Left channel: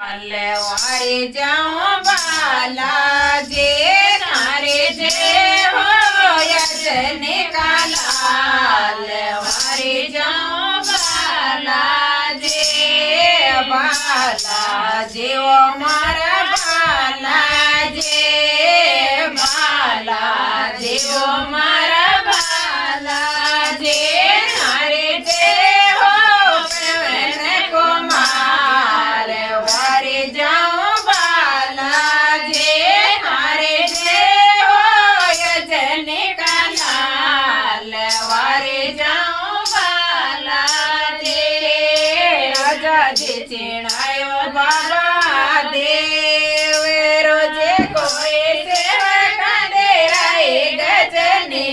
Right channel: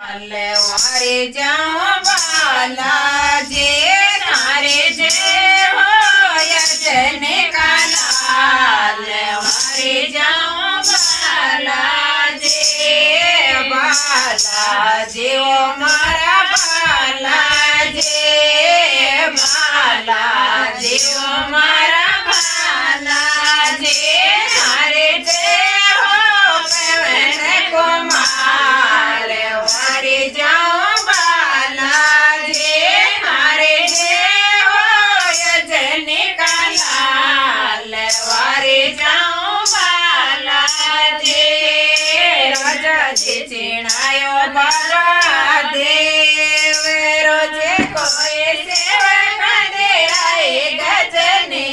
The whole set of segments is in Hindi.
वारे जाऊं बाला जे तारे जे हो यजने का लाल वारे जाऊं बाला जे ओ मारा बाला जे ओ मारा बाला जे तारे जे हो पवन कुमार वारे जाऊं बाला जे हारे जे हो यजने का लाल वारे जाऊं बाला जे राजा जी चिणायो बाला देव रोजे कोई सेवक दे राय गजने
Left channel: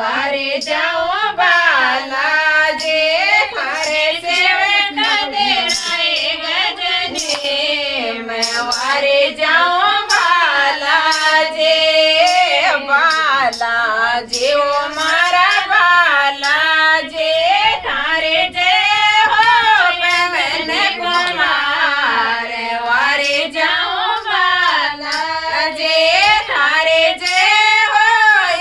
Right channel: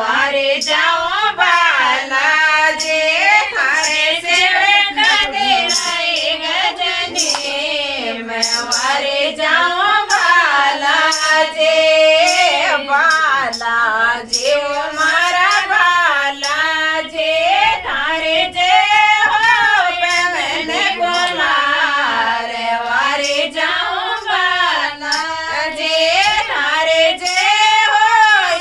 वारे जाऊं बाला जे हारे सेवक दे राय गजने वारे जाऊं बाला जे ओ मारा बाला जे तारे जे हो पवन कुमार वारे जाऊं बाला जे तारे जे हो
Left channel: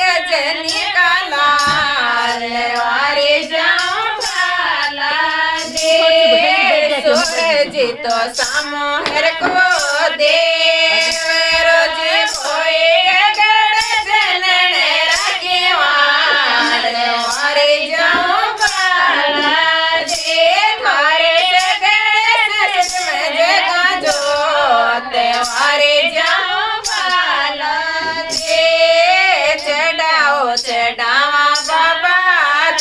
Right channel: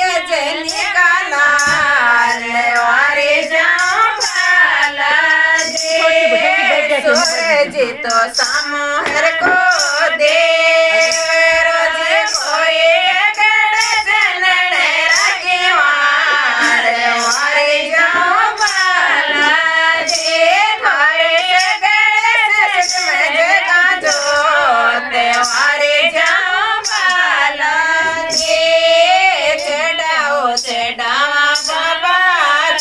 यजनी का लाल वारे जाऊं बाला जे सूरज तो सामोहर को दे रोज कोई अगड़ जनन रागेवार वारे जाऊं बाला जे थारे गणेश का जोत वारे जाऊं बाला जे चढ़ाओ चढ़ावा बाबा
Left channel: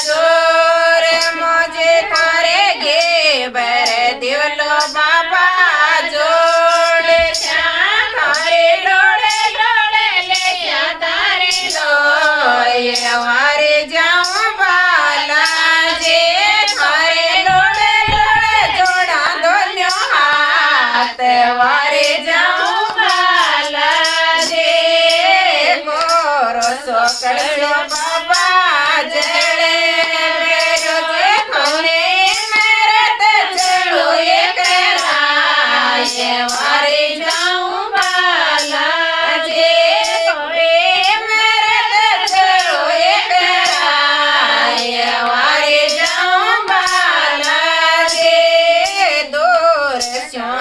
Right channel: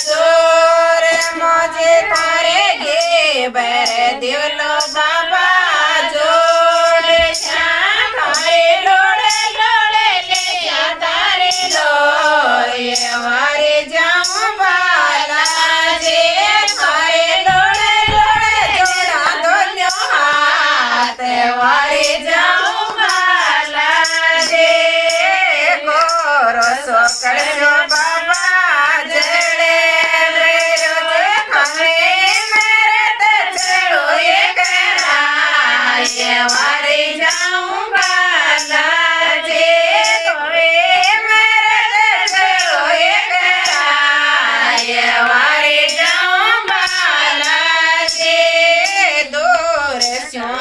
चोर मोजे थारे गे बर दिवलो बाबा जोड़ श्याम थारे लोड़े लोड़े ले श्या तारे लोय वारे जाऊं बाला जे थारे लोड़े लोड़े जोड़ा दोन्यो हाथ वारे जाऊं बाला जे गोरो सो करसो बाबा जले रोजे खमरे मरत चलो ये कराय वारे जाऊं बाला जे कोई मरत चलो ये कराय वारे जाऊं बाला जे दूर स्यों